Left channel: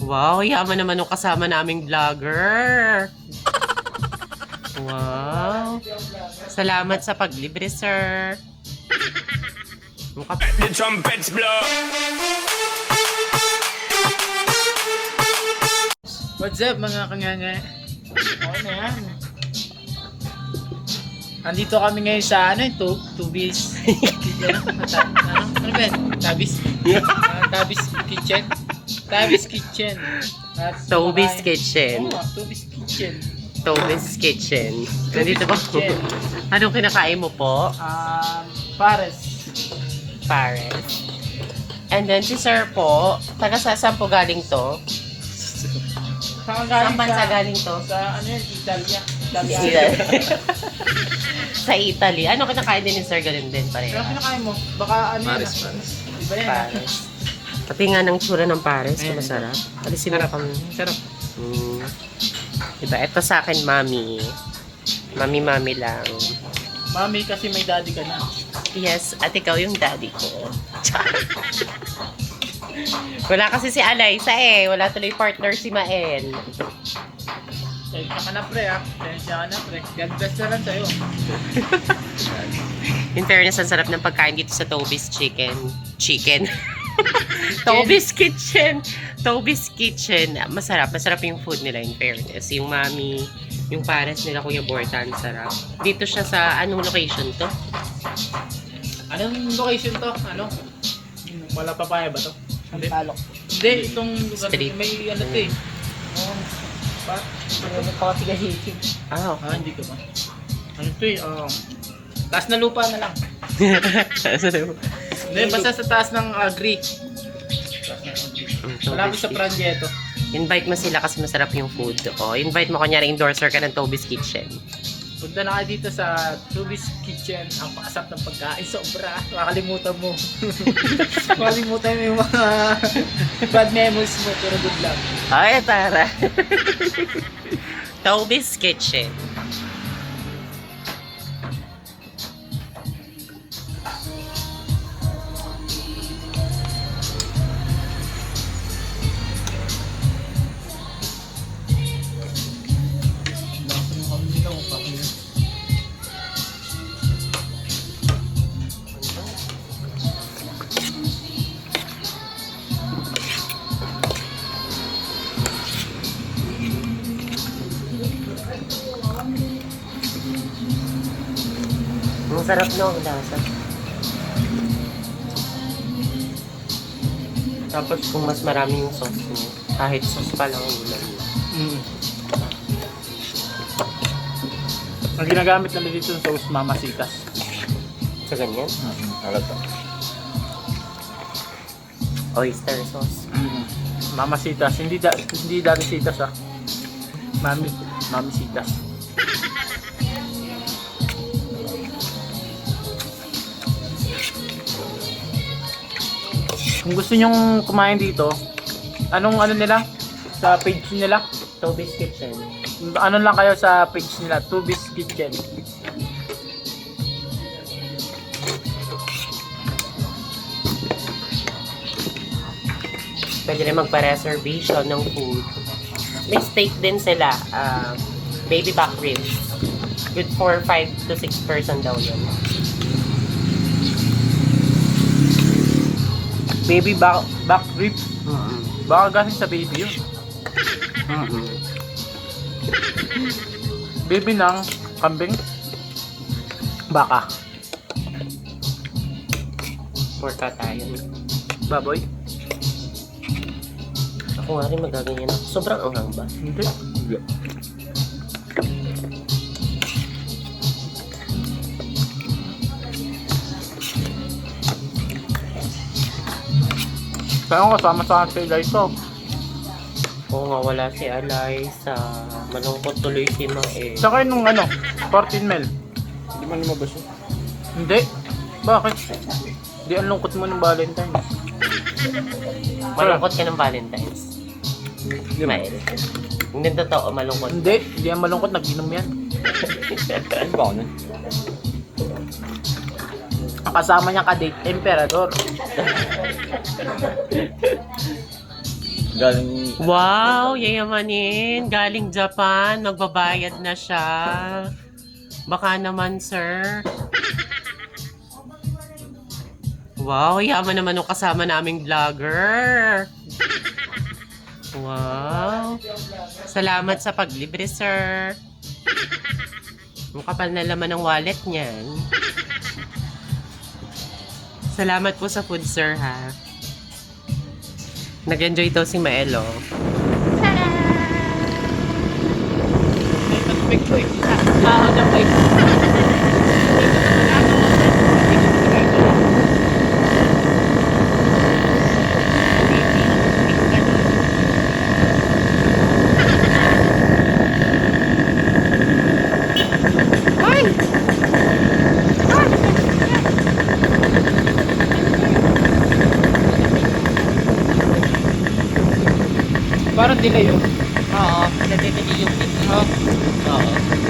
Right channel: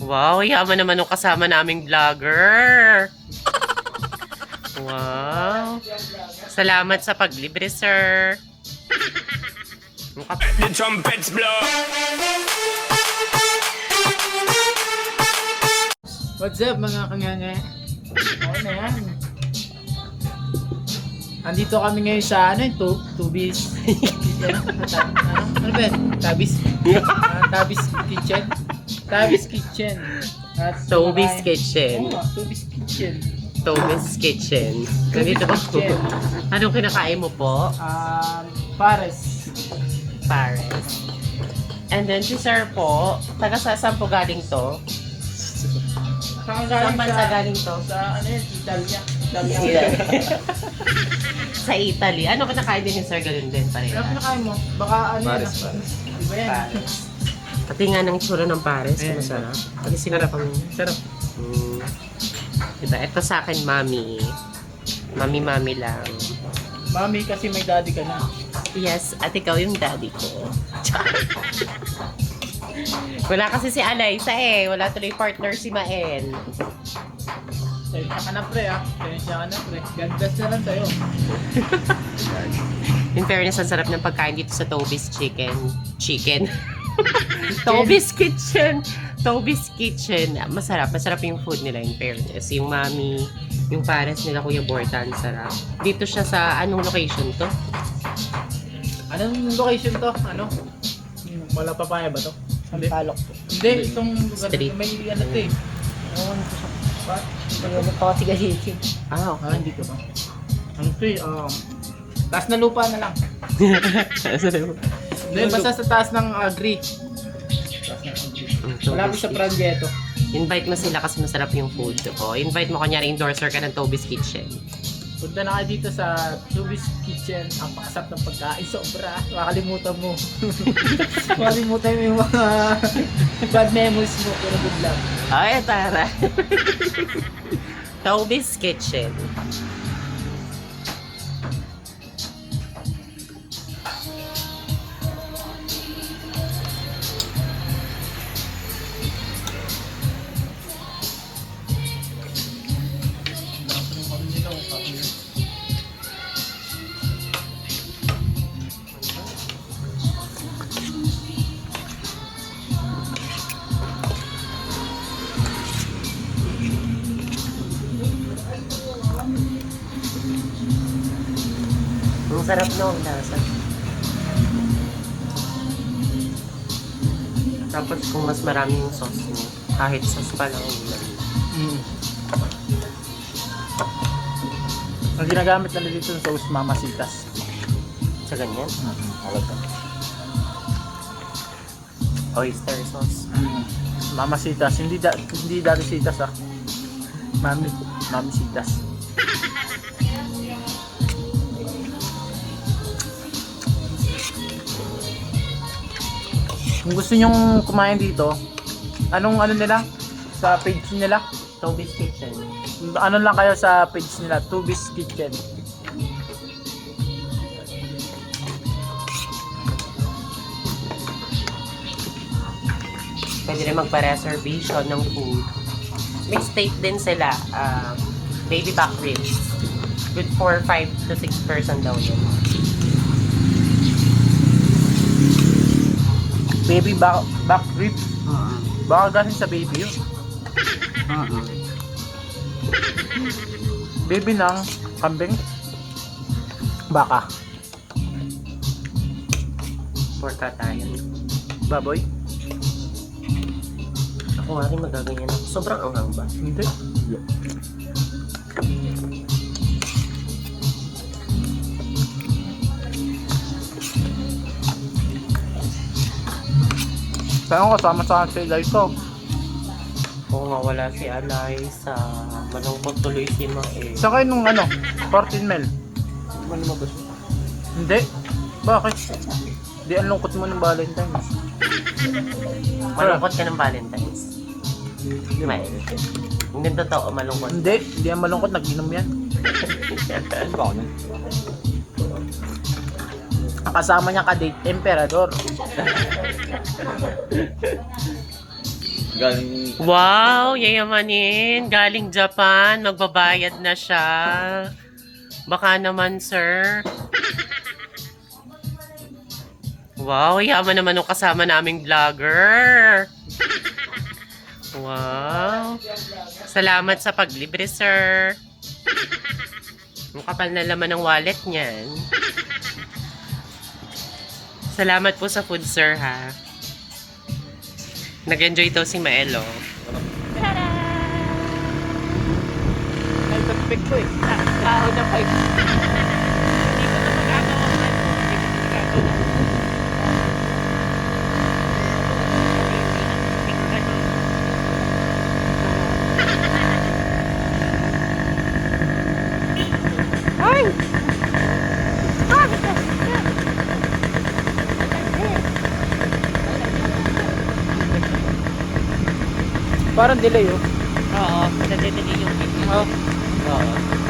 Wow, yaman naman nung kasama naming vlogger. Wow. Salamat sa paglibre, sir. The trumpets blow. What's up mga kanganga? Okay na yan. Andito kami ngayon sa Tubis Tabis Kitchen. Tabis Kitchen. At Tobis Kitchen. Tubis Kitchen. Tobis Kitchen. Nandito ba? Kitchen. Anong kinakain mo po? Pares. Pares. And then si sir po, taga saan po galing to? Saan Saan bansa galing to? Sa Italia. Sa Italy. Ano kinakain din ni sir? Ganun din Pero pareha. kinakain mo, baka Pares. Iba yan. Pares. Pati nga ng tsura ng pares, masarap. Pati Sarap. Sarap. Diba? Ito sa akin, mami. Mami lang. Mami, kasi may daddy ka na. Yes, at ikaw yung daddy ko. Wala kasi si Alaysa eh. Wala tuloy partner si Mael. Tensya ka na pre Tensya ka na pre. God bless na lang sa'yo. In fairness, ang sarap ng pagkain dito sa Tobis Chicken. Tobis Kitchen. Tobis Kitchen. Masarap yung food nila in fairness. Yung mami, yung pares nila Kuya Bortan, sarap. Dito siya sa anong location to? Anong location to? Wala papaya ba to? Hindi. Hindi, itong lugar Street. may ano to eh. Ah, okay. Hindi ka ba? Ano to eh? Taas na lupa na lang. Hindi, basta sa taas ng agri. Malapit sa Prangetto. Invite mo sila kasi masarap yung food. O, invite mo kunyari endorser ka ng Tobis Kitchen. Punta na kayo dito sa Tubis Kitchen. Ang pakasap ng pagkain. Sobra. Makalimutan mo. Makalimutan mo yung mga bad memories mo. Pero good luck. Ay, tara. Tobis Kitchen. Ang sarap no, ang lasa. Tapos kung mas marami yung sauce niya, kahit sauce pa lang ang ulam niya. Ang ginagamit nila dito sa sauce Mamasitas. Sa ganyan, oyster sauce. Mamasitas. Hindi Daddy-sitas Mamisitas. Kung gusto nyong kumain dito, anong nila? Sa page nila? Tobis Kitchen. Ano lang kayo sa page nila? Tubis Kitchen. Pwede rin magpa-reservation ng food. May steak din sila. Baby back ribs. Good for 5 to 6 person daw yun. Baby back rib. Baka galing sa baby yun. Baby ng kambing. Baka. Porka tayo. Baboy. Ako nga rin magaganyan ako. Sobrang anghang ba? Hindi. Kaya ko kasama sa akin guys ko. Oo nga, wala si Alay sa malungkot tuloy si Mae. Saka nung 14 mil. Hindi man lumabas yun. Hindi. Bakit? Hindi ang lungkot mo ng Valentine's. Malungkot ka ng Valentine's. Mae. Hindi totoo, malungkot. Hindi yan malungkot, nag-inom yan. Ano ba ako nun? Ang kasama niya ka-date, Emperador. Galing Wow, yayamanin. Galing Japan, magbabayad na siya. Baka naman, sir. Wow, yaman naman nung kasama naming vlogger. Wow. Salamat sa paglibre, sir. Ang kapal na laman ng wallet niyan. Salamat po sa food, sir, ha. Nag-enjoy daw si Maelo. Ay, perfect ko eh. Nakakagapay. Parang delay oh. Oo, nadedeli yung video. Oo.